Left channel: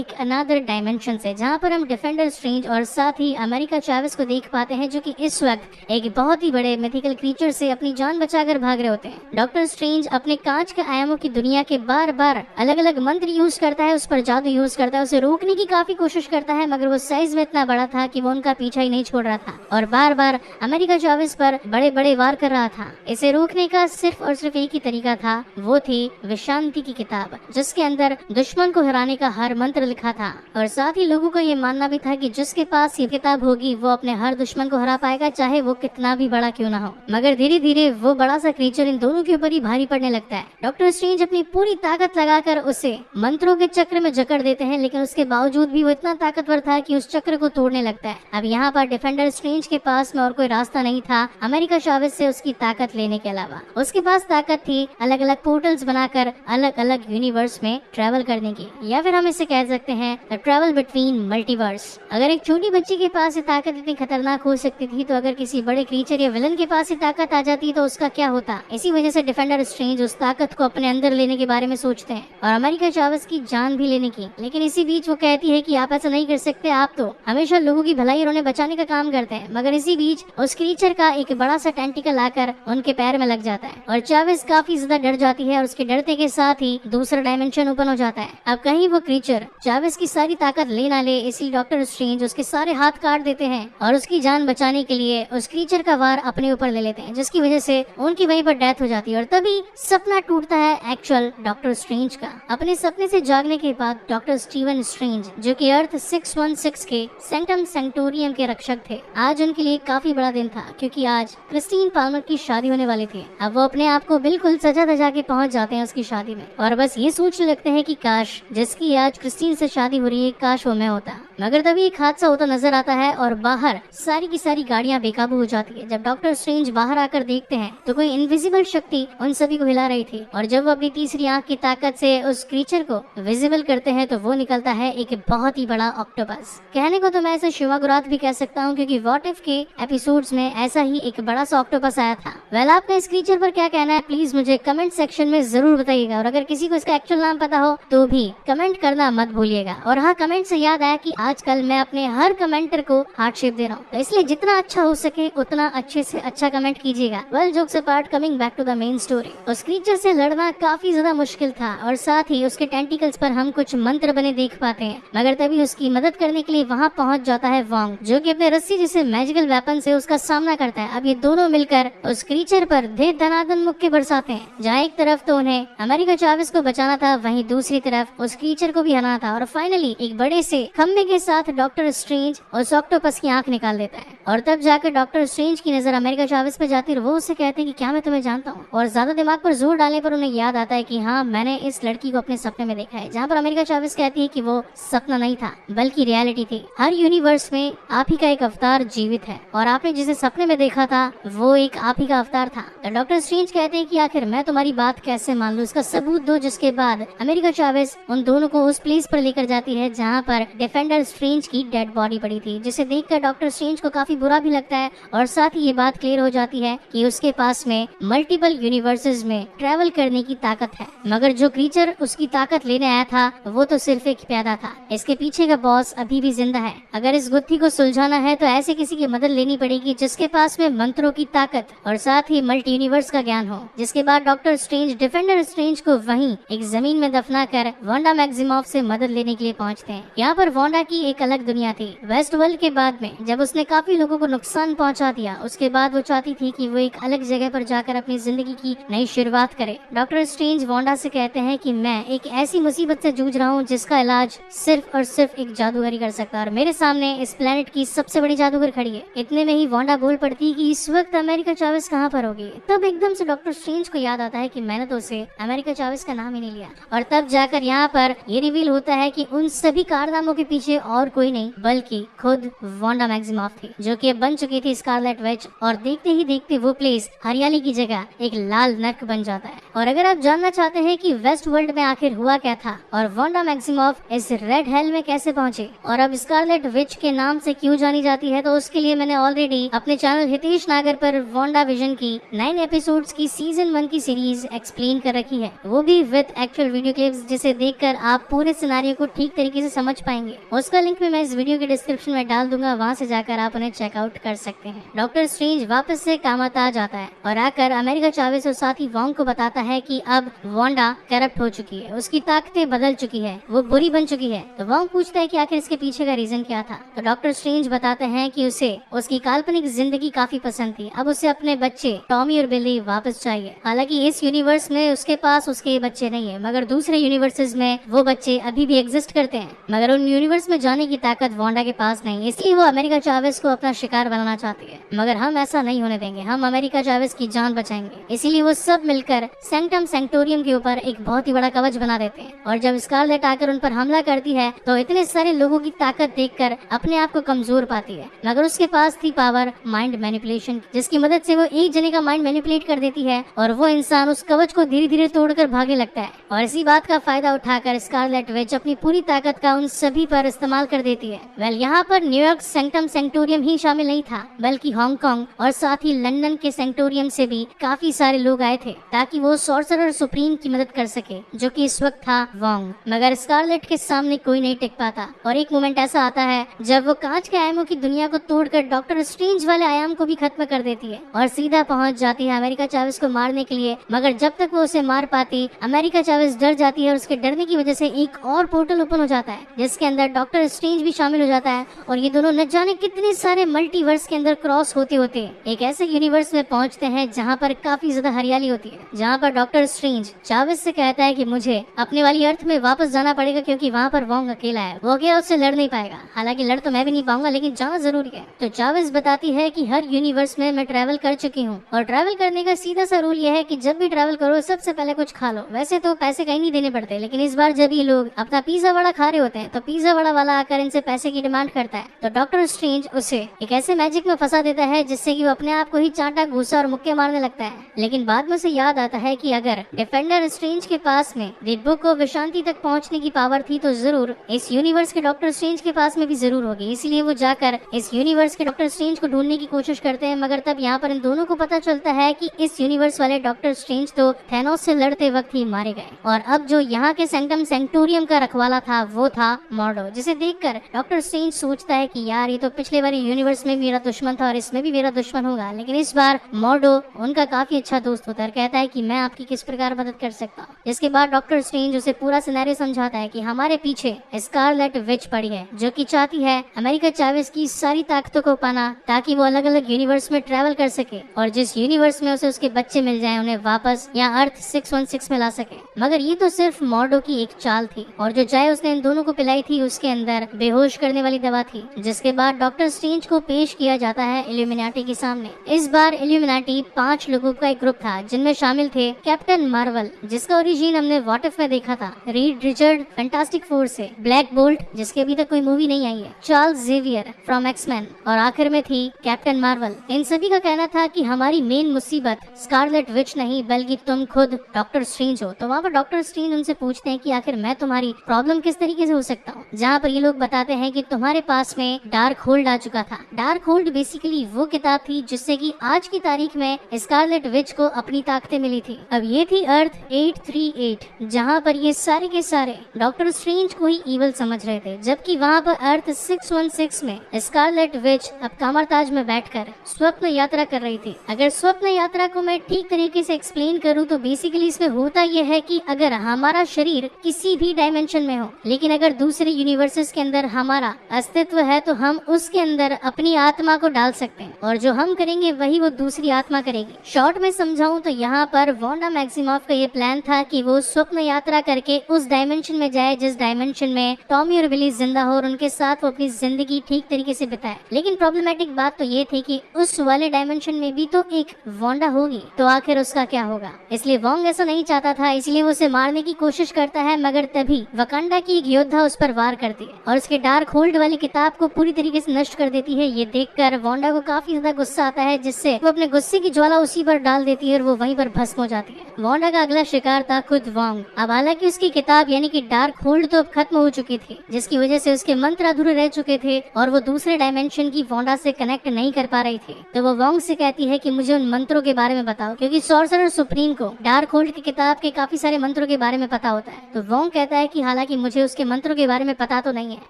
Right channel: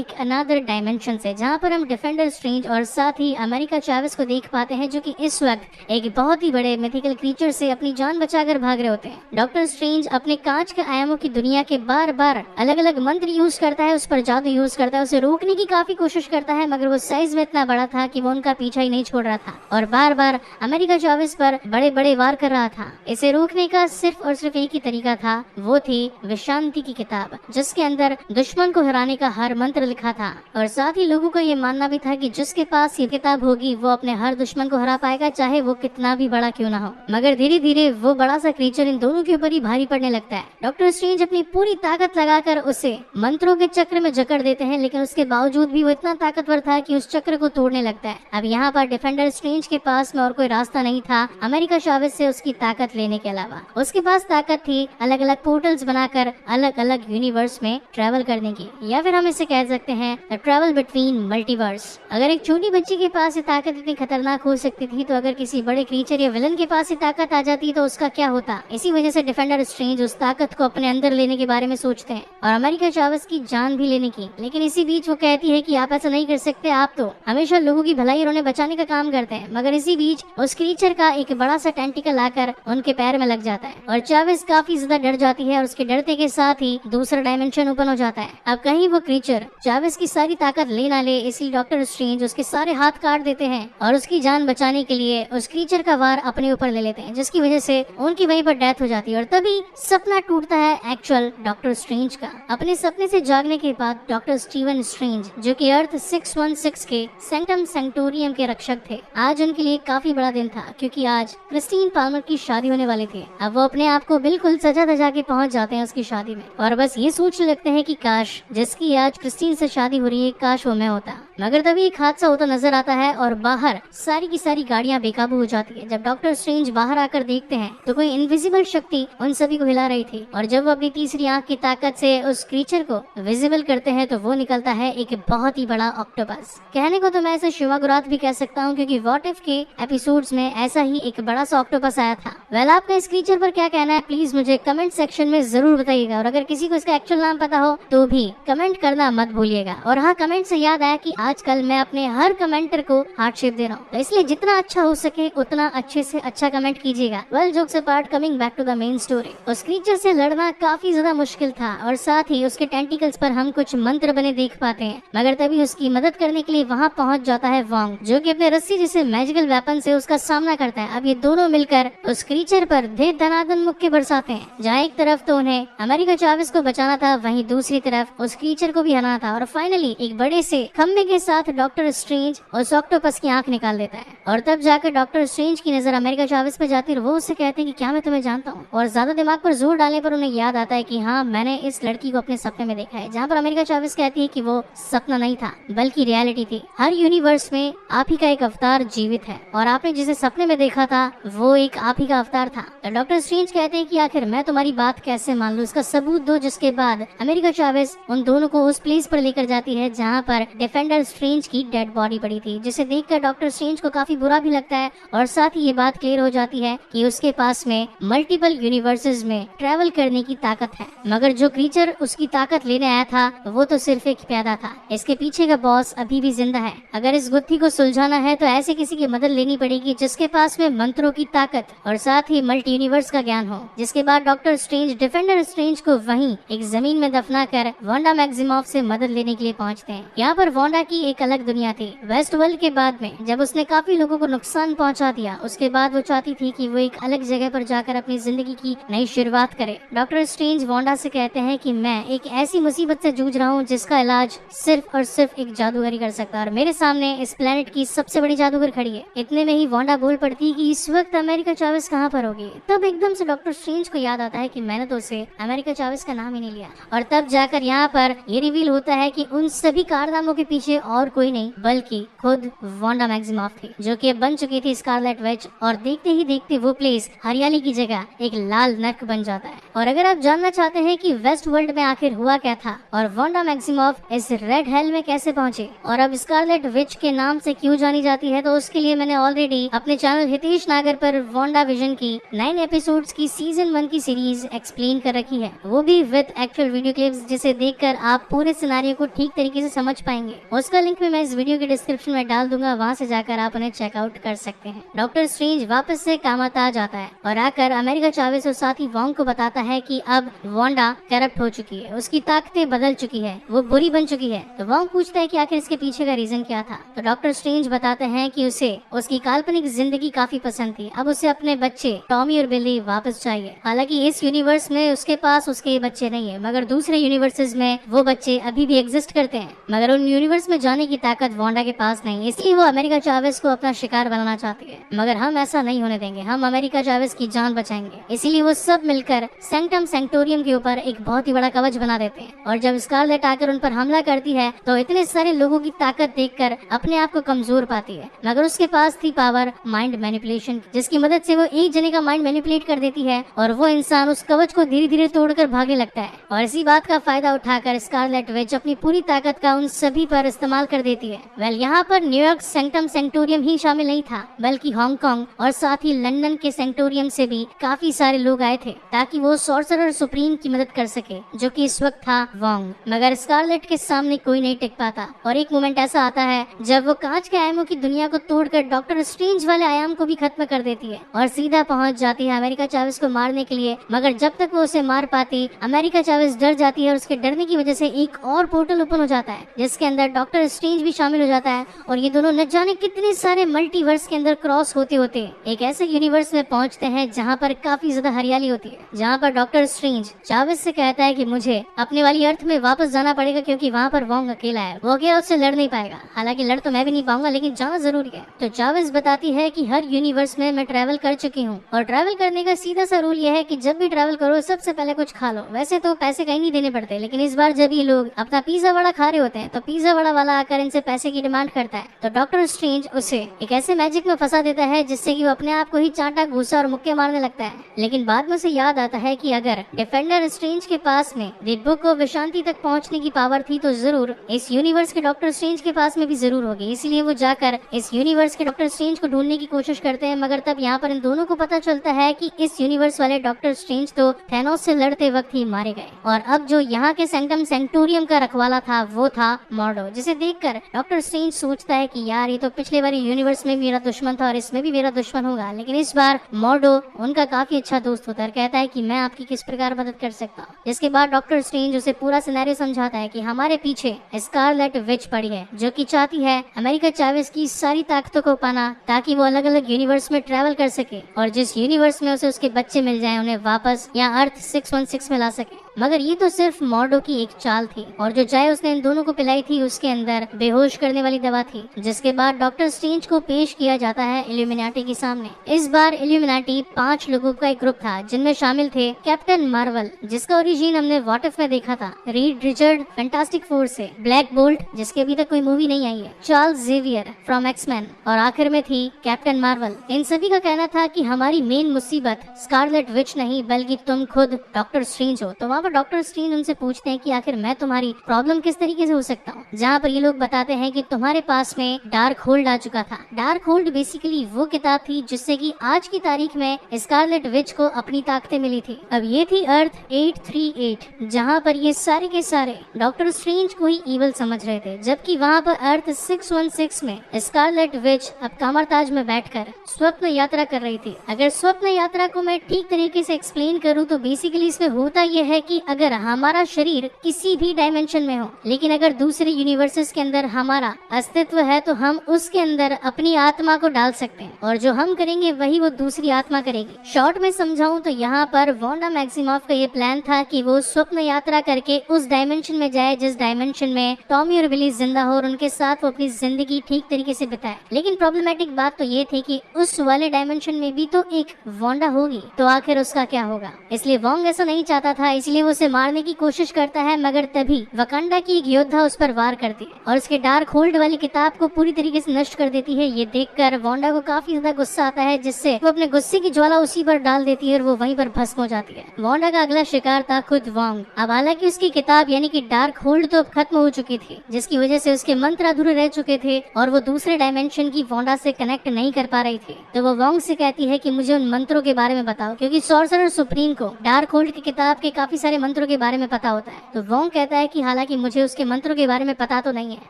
एक another dimension से, जहाँ पर हम डिफेंडर स्ट्रेंज और साथ ही अमेरिका चैवेस को देख पाते हैं, जो कि इस वक्त एक बहुत ही बड़े मिथिकल क्रीचर से अपनी जान बचाकर भाग रहे होते हैं। डॉक्टर स्ट्रेंज अपने कांच के आयामों की दुनिया के बार बार अलग अलग मंत्र यूज करता है, उस पर जादू यूज करता है, उसे रोकने की काफी कोशिश करता है, मगर वो साइज में इतना बड़ा था कि वो उनका पीछा ही नहीं छोड़ रहा था और बार बार अमेरिका चैवेस पर बड़े बड़े वार कर रहा था। इसे रोकने का सिर्फ और सिर्फ एक ही तरीका था, वो थी विशांति की किताब, जिसके अंदर दुश्मन को हराने का हर मंत्र लिखा था। और साथ ही लोगों का ये मानना भी था कि जिसके पास ये किताब होगी वो अपने हर दुश्मन को हरा पाएगा, चाहे वो कितना भी बड़ा क्यों ना हो। मगर धीरे धीरे वो बड़ा सा क्रीचर इन दोनों के ऊपर ही भारी पड़ने लगता है। डॉक्टर स्ट्रेंज अपनी पूरी ताकत लगाकर उसे मंत्रों के चक्र में जकड़ देते हैं, लेकिन उसके बावजूद भी वो इतना ताकतवर था कि उस चक्र को तोड़ने लगता है। अब यहाँ पर डिफेंडर स्ट्रेंज के पास में और कोई रास्ता नहीं था अमेरिका चैवेस से उसकी ताकत लेने के अलावा। उसके पास ताकत थी अलग अलग पोर्टल्स बनाकर अलग अलग यूनिवर्स में ट्रेवल करने की, या फिर हम इसे कह सकते हैं द ट्रेवल बिटवीन मल्टीवर्स। अगर एक छोटी बच्ची के पास ये ताकत इतनी खतरनाक हो सकती थी, तो अगर किसी बड़े क्रीचर या विलन के पास ये ताकत आ जाती तो उसका क्या होता। इसी वजह से डिफेंडर स्ट्रेंज उस ताकत को अपने अंदर लेने के बारे में सोचते हैं और अमेरिका चैवेस की जान भी लेने की। लेकिन इसी बीच वो कहती है कि आप ऐसा नहीं कर सकते, आप तो हमेशा लोगों की भलाई और उन्हें बचाने का काम करते हैं। मगर इसी बीच उस क्रीचर का एक बड़ा सा टेंटिकल आकर उनके पैर में लग जाता है और चैवेस काफी ज्यादा डर जाती है और उसके डरते के साथ ही दूसरा डायमेंशन ओपन हो जाता है। अब कहीं वो क्रीचर चैवेस की सारी ताकत ले ना ले, इसलिए डॉक्टर स्ट्रेंज उसके सारे हाथ काट देते हैं और उसकी जान बचाने के लिए उस क्रीचर का वार अपने ऊपर ले लेते हैं, जिसकी वजह से उनकी वहीं पर डेथ हो जाती है। और तभी सपना टूटता है एक्चुअल डॉक्टर स्ट्रेंज का। अपने सपने से जागने के बाद डॉक्टर स्टीवन स्ट्रेंज, जो कि अर्थ 616 के सेंटम सेंटोरियम के रक्षक थे, आज उनके लिए काफी बड़ा दिन था, क्योंकि आज क्रिस्टीन पाल्मर की शादी होने वाली थी। अब वो अपने आप को बिल्कुल सजा धजा के पहुंच जाते हैं उसकी शादी में और बस ये सोचने लगते हैं कि काश जिसकी आज क्रिस्टीन से शादी हो रही है, काश वो मैं होता। मगर तभी एक हादसा होता नजर आता है और बाहर सारी की सारी गाड़ियां बेकाबू हो जाती है। जब डॉक्टर स्ट्रेंज बाहर आकर देखते हैं तो कोई इनविजिबल शक्ति उन सभी को हिला रही थी और जब वो अपनी तीसरी आंख की ताकत से उस क्रीचर को विजिबल करते हैं तो वो निकलता है एक बहुत ही बड़ा ऑक्टोपस। कहने को तो मैं इसे शिवागुरात भी कह सकता हूँ, क्योंकि व्हाट इफ के एपिसोड्स में ऐसा ही एक बड़ा सा ऑक्टोपस आया था। वेल, आपको इस क्रीचर पर क्या कहना है प्लीज मुझे कमेंट सेक्शन में जरूर बताइएगा और अगर किसी को इसका एक्चुअल नाम पता हो तो भी कमेंट करना मत भूलिएगा। और हाँ, कमेंट से याद आया कि आजकल मैं अपने हर कमेंटर को हार्ट शेप दे रहा हूँ, तो इसलिए जितना अच्छा हो सके उतना अच्छे से अच्छा कमेंट कीजिएगा। Well, jokes apart, coming back to the main story. उस क्रीचर से लड़ना काफी ज्यादा मुश्किल था और साथ ही उसके टेंटिकल्स पर हम कुछ मंत्र बने देख पाते हैं, मगर तभी उसकी मदद करने के लिए वहाँ पहुँच जाता है वॉन्ग, जो कि अपने रस्सी जैसे मैजिकल वेपन से उसका सामना करता है। अब ये दोनों मिलकर उस क्रीचर पर दे दनादन मुक्के बरसाते हैं, जहाँ एक तरफ तो उन्हें अमेरिका चैवेस को बचाना था, वहीं दूसरी तरफ उस क्रीचर को भी हराना था। और फाइनली एक बड़े से खम्बे के साथ डॉक्टर स्ट्रेंज उस ऑक्टोपस की आंख निकाल देता है और तब जाकर डॉक्टर स्ट्रेंज की नजर अमेरिका चैवेस पे जाती है और वो उससे कहती है कि क्या मैं तुम्हें जानता हूँ। और ज्यादा दिमाग पर जोर डालने पर उन्हें याद आता है कि हाँ, मैंने इस लड़की को अपने सपने में देखा है, जहाँ पर अमेरिका चैवेस कहती है कि वो सपना नहीं था बल्कि रियलिटी थी। हर यूनिवर्स में आप ही का एक अवतार जीवित है और आपने जिसे सपने में देखा था वो एक आप ही का अवतार था। डॉक्टर स्ट्रेंज कहते हैं कि आखिर मैं तुम्हारी बात कैसे मान लूं, इसका सबूत दो। जिसके बाद अमेरिका चैवेस उन दोनों को उस प्लेस पर लेकर जाती है जहाँ पर डिफेंडर स्ट्रेंज की डेड बॉडी पड़ी थी, जिसे देखकर डॉक्टर स्ट्रेंज को काफी बुरा भी लगता है और साथ ही ये बात क्लियर हो जाती है कि उसके पास में मल्टीपल यूनिवर्सेस में ट्रेवल करने की ताकत है। मगर जो क्रीचर उसकी ताकत लेने आया था वो तो सिर्फ एक पैदा था, इसके पीछे का बॉस अभी भी जिंदा है। अगर इस गुत्थी को सुलझाना है तो ऐसे किसी की मदद लेनी पड़ेगी जिसके पास में मंत्रों की ताकत और साथ ही मल्टी यूनिवर्स का ज्ञान हो। जिसके बाद डॉक्टर स्ट्रेंज डिफेंडर स्ट्रेंज को वहीं एक जमीन में दफना कर वांडा मैक्सिमॉफ से मदद लेने के लिए पहुंचते हैं। यहाँ पर वांडा की एक अलग दुनिया थी। वेस्ट वर्ल्ड के बाद में जब उसने काफी लोगों को नुकसान पहुंचा दिया, उसके बाद वो चाहती थी कि वो एक अलग जगह पर जाकर अपनी जिंदगी की नई शुरुआत करे। डॉक्टर स्ट्रेंज वांडा से कहते हैं कि मैं एक ऐसी मुसीबत से जूझ रहा हूँ जिसका इलाज सिर्फ और सिर्फ एक जादूगर ही कर सकता है और मेरे सामने इस प्लेनेट की सबसे बड़ी जादूगर खड़ी है। इतने में ही वांडा बोल पड़ती कि इस वक्त अमेरिका चैवेस कहाँ पर होगी। तब एकदम से डॉक्टर स्ट्रेंज को याद आता है कि मैंने तो उसे अमेरिका चैवेस का नाम ही नहीं लिया और तब जाकर यहाँ पर ये रिवील होता है कि उन सभी कारनामों के पीछे और कोई नहीं बल्कि खुद वांडा मैक्सिमॉफ थी, जो कि बन चुकी थी स्कारलेट विच। और देखते ही देखते वो प्लेस हरियाली की जगह एक लाल नर्क बन जाता है। और अगर आप जानना चाहते हैं कि वेस्ट वर्ल्ड में आखिर हुआ क्या था और वांडा मैक्सिमॉफ इस रेड हेल में कैसे पहुंची और अब स्कारलेट विच के नाम से क्यों जानी जाती है, तो उसके लिए मैंने ऑलरेडी अपने चैनल हितेश नागर पर वांडा विजन की 9 एपिसोड्स की सीजन 1 की सीरीज एक्सप्लेन कर रखी है, वो भी विद एक्चुअल वीडियो क्लिप्स, जिसे देखकर आप पूरे सिनेरियो को ठीक तरीके से समझ पाएंगे। उसका लिंक मैं इस वीडियो के डिस्क्रिप्शन में डाल दूंगा, वहाँ से जाकर आप उन्हें चेकआउट कर सकते हैं। डॉक्टर स्ट्रेंज वापस से कामाता आ जाता है और आकर अमेरिका चावेस और साथ ही वोंग को बताता है कि अब वांडा करप्ट हो चुकी है, उसकी ताकतें बदल चुकी है, वो बुरी बन चुकी है। तो वोंग पूछता है कि आखिर इसके पीछे का रीजन क्या था। तो डॉक्टर स्ट्रेंज बताते हैं कि उसे उसकी काल्पनिक जिंदगी काफी पसंद थी, अब उसे अपने बच्चे टॉमी और बिली वापस चाहिए। हालांकि इस यूनिवर्स में उसके पास उसके बच्चे नहीं है, मगर दूसरे यूनिवर्सेस में वो बच्चे अभी भी एग्जिस्ट करते हैं, मगर उन यूनिवर्स में जाने की ताकत वांडा के पास नहीं, इसलिए वो अमेरिका चावेस को अपना शिकार बनाना चाहती है। मगर हम ऐसा नहीं होने देंगे, हम अमेरिका चावेस की जान बचाएंगे। इसीलिए वो सब मिलकर सेंक्टम सेंक्टोरियम के ऊपर एक बहुत ही बड़ा कवच बना देते हैं। और जब स्कारलेट आकर उन पर हमला करती है तो इतने सारे लोगों की ताकत देखकर अपने आप को कमजोर पाती है, मगर उसके पास थी पावर माइंड मैनिपुलेशन, जिसकी मदद से वो एक जने का माइंड मैनिपुलेट कर देती है और वो इंसान उस कवच को धीरे धीरे तोड़कर भागने लगता है। और इसी बात का फायदा उठाकर स्कारलेट विच अपनी पूरी ताकत का उन सभी पर इस्तेमाल कर देती है। यहाँ पर न्यूयॉर्क सेंक्टम सेंक्टोरियम ही शामिल नहीं था, बल्कि हांगकांग और साथ ही लंदन के सेंक्टोरियम से भी काफी सारे लोग आए थे, ताकि वो सॉर्सरर सुप्रीम की मदद कर सके, जो कि इस वक्त था वोंग। मगर स्कारलेट के सामने कोई नहीं टिक पाता और एक मोमेंट ऐसा आता है जब वो कांच के आयामों की दुनिया को तोड़कर डॉक्टर स्ट्रेंज वाले आयाम को भी खत्म कर देती है और सीधा पहुंच जाती है अमेरिका चावेस को मारने के लिए। मगर जब तक वो उसे मार पाती, अमेरिका चावेस डर जाती है और उसके डरने की वजह से एक और पोर्टल ओपन हो जाता है, जिसके अंदर डॉक्टर स्ट्रेंज भी शामिल हो जाता है और ये दोनों न जाने कितने सारे मल्टीवर्स के अंदर क्रॉस होते होते एक ऐसे यूनिवर्स में पहुंचते हैं जहाँ पर काफी ज्यादा हरियाली होती है, जहाँ पर डॉक्टर स्ट्रेंज चावेस से कहता है कि मुझे अपने वाली अर्थ में वापस जाना पड़ेगा क्योंकि वहाँ पर वोंग अकेला है, वो अकेला उससे लड़ नहीं पाएगा। हालांकि लड़ तो मैं भी नहीं पाऊंगा, लेकिन जाना जरूरी है। तो चावेस बताती है कि हर यूनिवर्स में मैं ट्रैवल कर चुकी हूँ और ट्रैवल करने का सीधा सा रूल यह है कि जब भी ट्रैवल करो सबसे पहले कुछ खा लो। वैसे तो पैसे कहीं नहीं देने पड़ते, लेकिन इस बार जब ये लोग अपना पिज्जा वड़ा खा रहे होते हैं तो पिज्जा वड़ा वाला आकर इनसे पैसे की डिमांड करता है। तो डॉक्टर स्ट्रेंज उसे एक ऐसे मैजिक में फंसा देता है जिससे कि वो अपने आप को ही चांटा घूसा और मुक्के मारने लगता है। लेकिन बाद में उसे याद आता है कि अगर डिफेंडर स्ट्रेंज के पास में रेड बुक को विशांति तक पहुंचने की पावर थी तो जरूर इस यूनिवर्स के डॉक्टर स्ट्रेंज के पास में भी जरूर होगी। इसलिए वो जाकर इस यूनिवर्स के डॉक्टर स्ट्रेंज को ढूंढने की कोशिश करते हैं, मगर तब यहाँ पर इन दोनों को पता चलता है कि इस यूनिवर्स वाले डॉक्टर स्ट्रेंज तो थैनोस से लड़ते वक्त ही मारे गए और अब जो यहाँ के सेंक्टम सेंक्टोरियम का रखवाला था वो था मॉर्डो, जिसे देखकर डॉक्टर स्ट्रेंज सोचता है कि यार ये तो पिछले वाले यूनिवर्स में मेरा दुश्मन था और इसमें भी मेरा दुश्मन होगा, लेकिन इस बार मॉर्डो उनका काफी अच्छा दोस्त होता है। कहता है कि मैं आपकी किस प्रकार मदद कर सकता हूँ। इसके बाद डॉक्टर स्ट्रेंज उसे पूरा सिनेरियो समझाता है कि हमारे पीछे स्कारलेट विच पड़ी है, जो कि चाहती है अमेरिका चावेस की सारी ताकतों को पाना ताकि वो अलग अलग यूनिवर्स में ट्रैवल कर सके और जिस यूनिवर्स में उसे उसके बच्चे मिल जाए उन्हें वापस यहाँ अर्थ 616 में ला सके। मगर ये तो सिर्फ मॉर्डो की एक चाल थी और जो चाय उसने इन दोनों को पिलाई थी उसके अंदर बेहोश करने वाली दवा थी, जिसके बाद डॉक्टर स्ट्रेंज को पेश किया जाता है इल्यूमिनाटी के सामने। इस बार इल्यूमिनाटी 5 लोगों का एक ग्रुप था, जिनमें शामिल थे कैप्टन मार्वल, जिसका ओरिजिन हमने व्हाट इफ में देखा था, रीड रिचर्ड फैंटास्टिक फोर से, ब्लैक बोल्ट जिसकी अभी तक कोई मूवी नहीं आई है, चार्ल्स जेवियर फ्रॉम एक्समैन और आखिर में थी कैप्टन मार्वल। इन सभी का कहना था कि हमारी मेन मुसीबत स्कारलेट विच नहीं बल्कि तुम खुद डॉक्टर स्ट्रेंज हो। तो वहाँ पर डॉक्टर स्ट्रेंज उनसे पूछते हैं कि आखिर मैं तुम्हारी प्रॉब्लम किस तरीके से हो सकता हूँ, जहाँ पर ये लोग बताते हैं कि तुम्हारे पास में डार्क होल्ड आ चुका था। डार्क होल्ड बेसिकली वो किताब थी जिससे कि आज की तारीख में स्कारलेट विच को अपनी ताकतें मिली थी। अब ये थी अर्थ 838, जहाँ पर ये सारे के सारे डॉक्टर स्ट्रेंज को ही इवल समझ रहे थे, जबकि वहाँ पर अर्थ 616 में स्कारलेट विच अब कामरताज में बैठकर स्वप्न यात्रा कर रही थी। अगर स्वप्न यात्रा को मैं ठीक तरीके से एक्सप्लेन करूँ तो बेसिकली इसमें होता यह है कि अगर हमारा शरीर किसी भी डायमेंशन में हो, लेकिन अगर दूसरे यूनिवर्सेस के अंदर हमारा अस्तित्व है तो हम उसके अंदर अपनी आत्मा को डाल सकते हैं और जो हम करेंगे वही वो दूसरी आत्मा करेगी। शॉर्ट में समझाऊं तो यहाँ पर वांडा मैक्सिमॉफ का ये प्लान था कि वो स्वप्न यात्रा करके उस डायमेंशन में जाए जिस डायमेंशन में टॉमी और बिली जिंदा हो और उनके साथ वो अपनी जिंदगी ठीक तरीके से बिताए। लेकिन प्रॉब्लमेटिक बात तो ये थी कि उस वाले डायमेंशन में भी तो एक वांडा होगी, तो आखिर उसका क्या होगा। इसलिए वोंग ऐसा नहीं चाहता था, इसलिए वो उसे मारने की कोशिश करता है, मगर तभी वकांडा की एक योद्धा उस पर वार वार करती है और उसके डार्क होल्ड वाली किताब को पूरी तरीके से नष्ट कर देती है। ये देखकर वांडा को काफी ज्यादा गुस्सा आता है, जिससे वो अपने गुस्से की ज्वाला उसी पर डाल देती है और वो वहीं पर भस्म हो जाती है। वांडा का अगला शिकार था खुद वांग। अब हालांकि उसकी किताब यानी कि डार्क होल्ड तो अब खत्म हो चुकी थी, जिसकी वजह से उसके मंत्र अधूरे रह चुके थे और वो दूसरे डायमेंशन की वांडा से कनेक्ट नहीं कर पा रही थी। तो वो वांग से कहती है कि मुझे उन मंत्रों के बारे में बताओ, क्योंकि सोर्सरर सुप्रीम को डार्क होल्ड की किताब के काफी सारे मंत्रों के बारे में पता होता है। तो वांग कहता है कि हालांकि मुझे उसके मंत्रों के बारे में पता तो नहीं है,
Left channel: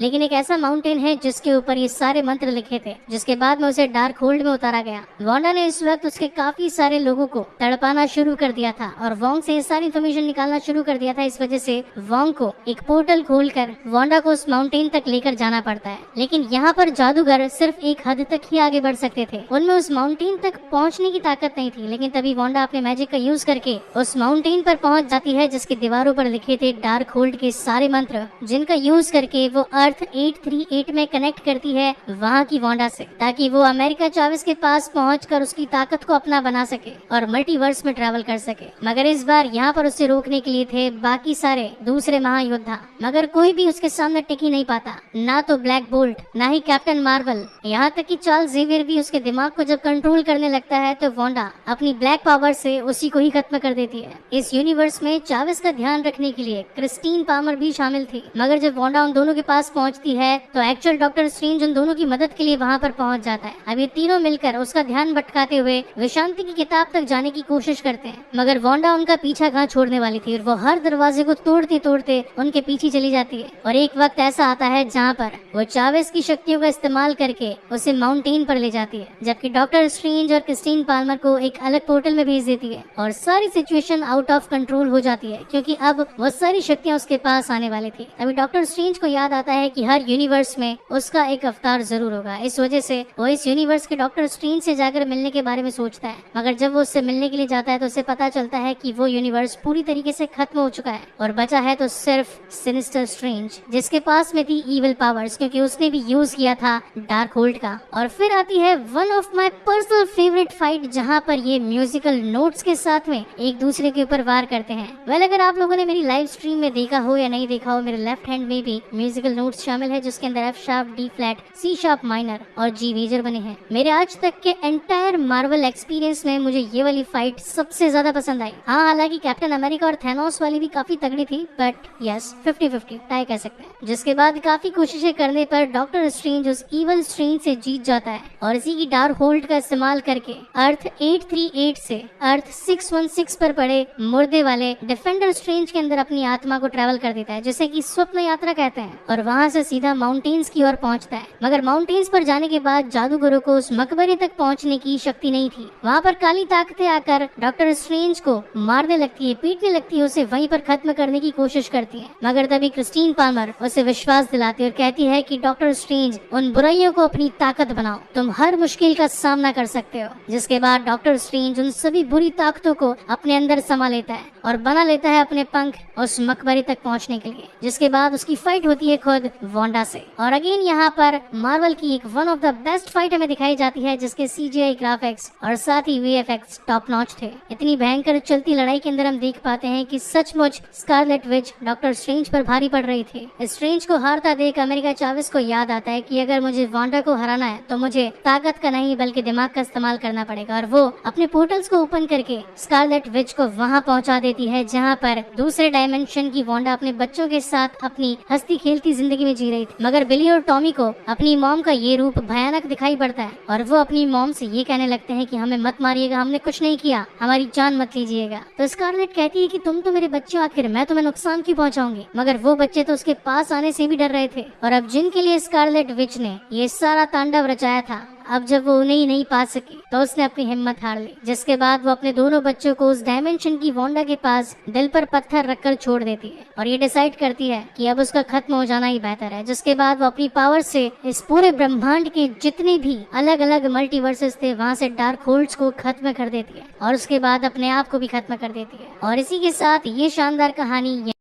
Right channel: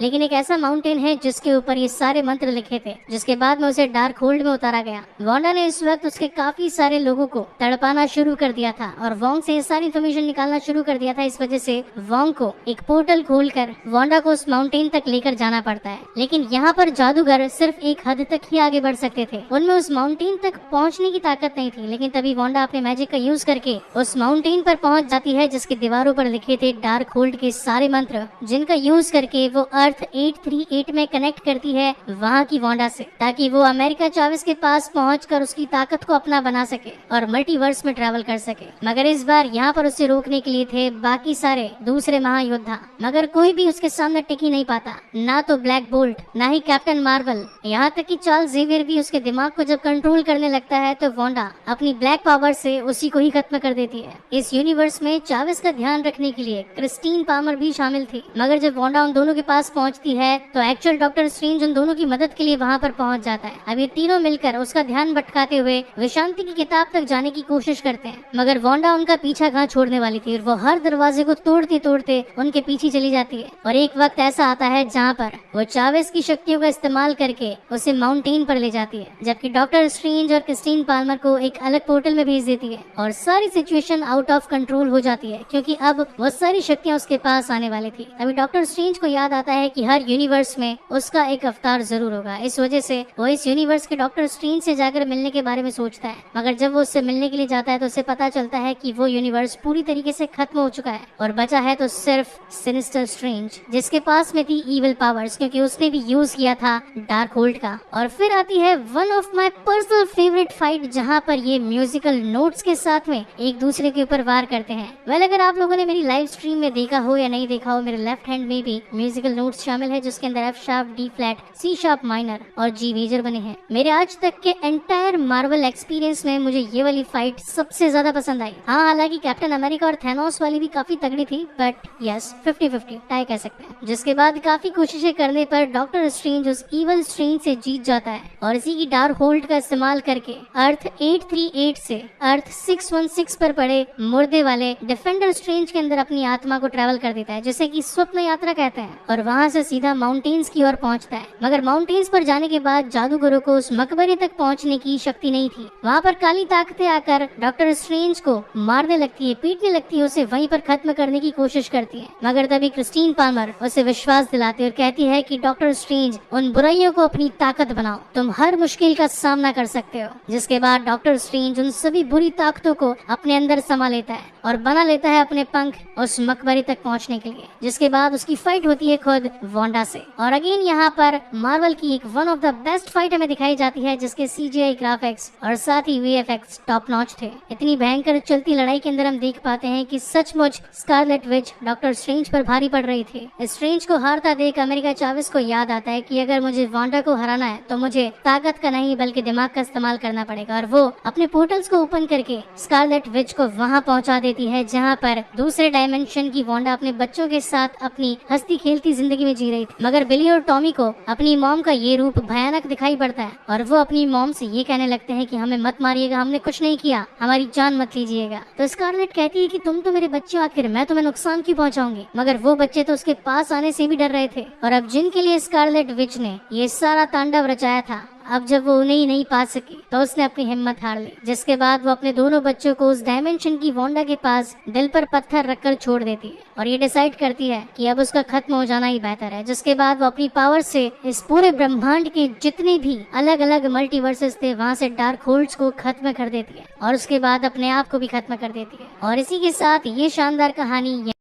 लेकिन एक ऐसा माउंटेन है जिसके ऊपर ये सारे मंत्र लिखे थे, जिसके बाद में उसे डार्क होल्ड में उतारा गया। वांडा ने इस वक्त उसके काफी सारे लोगों को तड़पाना शुरू कर दिया था और वांग से ये सारी इन्फॉर्मेशन निकालना शुरू कर दिया था। इस वजह से वांग को एक पोर्टल खोलकर वांडा को उस माउंटेन तक लेकर जाना पड़ता है। लेकिन यहाँ पर जादूगर सिर्फ एक हद तक ही आगे बढ़ सकते थे, उनमें उस माउंटेन तक पहुँचने की ताकत नहीं थी। लेकिन तभी वांडा अपने मैजिक का यूज करके उस माउंटेन पर पहुँच जाती है, जिसकी दीवारों पर लिखे थे डार्क होल्ड के सारे मंत्र, जिनका यूज करके वो अर्थ 838 में कनेक्ट करती है वहाँ की वांडा से, ताकि वो अमेरिका चावेस के पास पहुंचकर उसकी ताकत को अपना बना सके और मल्टीवर्स में ट्रैवल कर सके। मगर इस बार यहाँ पर उसे रोकने के लिए थे बाकी सारे दूसरे महायोद्धा, मगर कोई भी उसके सामने टिक ही नहीं पाता, ना तो ब्लैक बोल्ट, ना ही कैप्टन मार्वल, यहाँ तक कि चार्ल्स ज़ेवियर भी उसके दिमाग को जब कंट्रोल करने लगता है तो वांडा अपनी ब्लैक पावर से उसी को ही खत्म कर देती है। इस यूनिवर्स में चावेस का ध्यान रखने के लिए क्रिस्टीन पामर भी शामिल थी, मगर जब वांडा उन दोनों के पास पहुँचती है तो एक्चुअल डॉक्टर स्ट्रेंज उन दोनों की मदद के लिए वहाँ पर पहुँच जाता है। अब ये तीनों मिलकर उसका ध्यान भटकाते हुए विशांति की किताब तक जाने की कोशिश करते हैं, मगर वांडा उनका पीछा कहाँ छोड़ने वाली थी और वो हर दरवाजे को तोड़ते तोड़ते उनके पीछे चली जाती है। और एक वक्त ऐसा आता है जहाँ पर वो चावेस की शक्तियों का इस्तेमाल करके उसे माउंटेन पर ले जाती है, जबकि डॉक्टर स्ट्रेंज और क्रिस्टीन पाल्मर को एक अलग पोर्टल में भेज देती है और सारी सिचुएशन आउट ऑफ कंट्रोल हो जाती है, क्योंकि अब वो सारी शक्तियाँ उसके पास आने वाली थी। अभी डॉक्टर स्ट्रेंज को याद आता है कि हर यूनिवर्स में उसका एक अवतार जरूर होगा। इस वजह से वो इस यूनिवर्स के डॉक्टर स्ट्रेंज से जाकर मिलने के बारे में सोचता है, मगर जब वो उससे मिलने के लिए जाता है तो उसे पता चलता है कि वो यूनिवर्स पूरी तरीके से खत्म हो चुका है और बचा है तो सिर्फ सिनिस्टर स्ट्रेंज, जिसके पास में थी इविल पावर्स, क्योंकि उसने भी यूज किया था डार्क होल्ड का। और फिर आती है one of my personal favourite fight, जहां पर ये म्यूजिकल नोट्स के साथ में एक दूसरे के ऊपर वार करते हैं। वेल, अगर आप लोगों ने मेरी लाइव स्ट्रीम में देखा हो या नहीं देखा हो, मेरे लेफ्ट हैंड में भी म्यूजिकल नोट्स शामिल है, जिसके अंदर F sharp, D flat, C sharp minor और जी मेजर बने हैं। मेरे आज तक के एंटायर मार्वल एक्सपीरियंस में मुझे ये वाली फाइट सबसे ज्यादा पसंद आई। हाँ, हालांकि कैप्टन अमेरिका और थैनोस वाली भी काफी तगड़ी थी, बट यस 50-50 टाई कह सकते हैं। जिसके बाद काफी कोशिशें करने पर डॉक्टर स्ट्रेंज उस इवल स्ट्रेंज से जीत जाता है और इसी की डार्क होल्ड का इस्तेमाल करके अर्थ 838 से अर्थ 616 पर पड़े मुर्दे वाले डिफेंडर स्ट्रेंज के अंदर अपनी आत्मा को ट्रेवल कर देता है, जिसे कि स्वप्न यात्रा कहते हैं, और वहाँ से सीधा माउंटेन्स की ओर पहुँचता है। मगर माउंटेन्स पर जाने के बाद जादूगरों को उस मकबरे तक पहुँचने की शक्ति नहीं थी। वहाँ पर काली ताकतें आकर डॉक्टर स्ट्रेंज को मारने लगती है, पीटने लगती है, उसे वहीं पर खत्म करने की कोशिश करती है। मगर तभी क्रिस्टीन पामर उसे विश्वास दिलाती है और कहती है कि डॉक्टर स्ट्रेंज, उन बुराइयों को अपनी ताकत बनाओ, तुम हर मुश्किल का सामना कर सकते हो। जिसके बाद डॉक्टर स्ट्रेंज उन सभी बुरी ताकतों को अपने अंदर समा लेता है और बना लेता है अपने पंख उस मकबरे तक पहुंचने के लिए। जिसके बाद उसकी फाइट होती है खुद वांडा से। और अगेन यहाँ पर मार्वल की एक one of the best fight हमें दिखाई जाती है, जिसके CGI ग्राफिक्स और साथ ही VFX टॉप नॉच थे। इतनी भयंकर चलती लड़ाई के अंदर हम देख पाते हैं कि सचमुच स्कारलेट विच डॉक्टर स्ट्रेंज पर भारी पड़ रही थी। स्ट्रेंज को हारता देख अमेरिका चावेस को याद आता है कि अगर मुझे वांडा को हराना है तो मुझे ताकत का नहीं बल्कि दिमाग का इस्तेमाल करना पड़ेगा, और वो अपने पोर्टल्स को ओपन करके स्कारलेट विच को वहाँ पहुँचा देती है जहाँ पर दूसरे डायमेंशन की वांडा अपने बच्चों के साथ अपनी हंसती खेलती जिंदगी में जी रही थी। मगर बिली और टॉमी को अपनी मॉम का ये रूप भयानक दिखाई पड़ता है और वो अपनी मॉम से ये कहने लगते हैं कि हमें मत मारिएगा, हमने कुछ नहीं किया, हमारी जान मत लीजिएगा। तो स्कारलेट कहती है कि तुम तो मेरे बच्चे हो, आखिर मैं तुम्हें नुकसान क्यों पहुंचाऊंगी। मगर वो बच्चे तो उसके पास आने से भी डर रहे थे, और अब जिनके लिए स्कारलेट विच ने ये सारा तांडव रचाया था, अब जब वो उन्हें ही नहीं पा सकी तो उसने अपनी हिम्मत हार ली। जिसके बाद वो अपने दोनों बच्चों को उस डायमेंशन की वांडा के पास दिल पर पत्थर रखकर छोड़ देती है और ये डिसाइड करती है कि अब उसका खत्म हो जाना ही बेहतर है। जिसके बाद वो अपनी पावर से इस पूरे ब्रह्मांड के जितने भी अलग अलग मल्टीवर्सेस थे वहाँ से डार्क होल्ड्स को खत्म कर देती है और उसके बाद अपने आप को भी खत्म कर देती है। और इसी के साथ ये शानदार कहानी